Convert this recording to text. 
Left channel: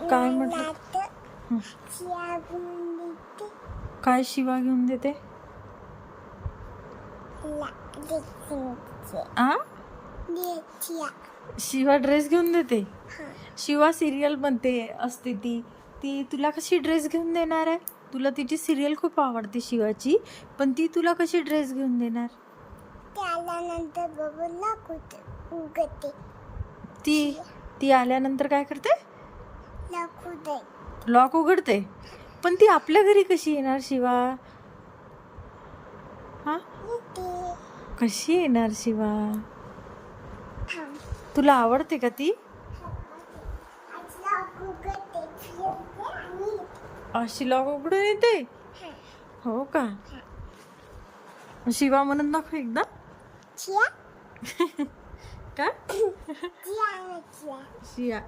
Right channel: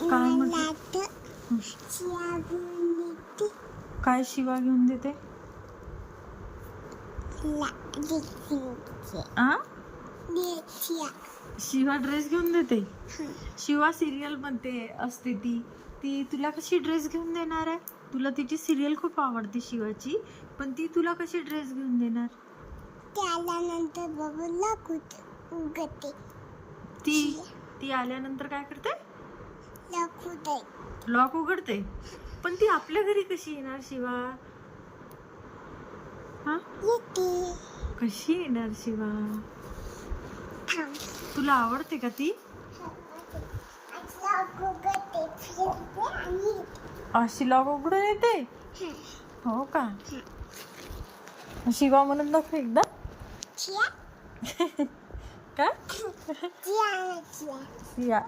काय म्हटलं? काय शिवा घेऊन देते? आ? शिवा ड्रेस घेऊन देते? शिवा सिरियल मध्ये असते ती ती तुला कशी ड्रेस घेऊन देणार आहे? तुला तिची सिरियल खूप आवडते शिवाची, पण ती तुला कशी ड्रेस घेऊन देणार? आल्यानंतर बाबूला उगते. ती आल्यानंतर काय करते? लॉक उघडते. पण ती आपल्या घरी कशी येणार शिवा? हा, कशी येणार शिवा? तुला आवडते का ती? अशी लॉक उघडून येते? हो का? शिवा म्हणत नको एकदा? का? शिया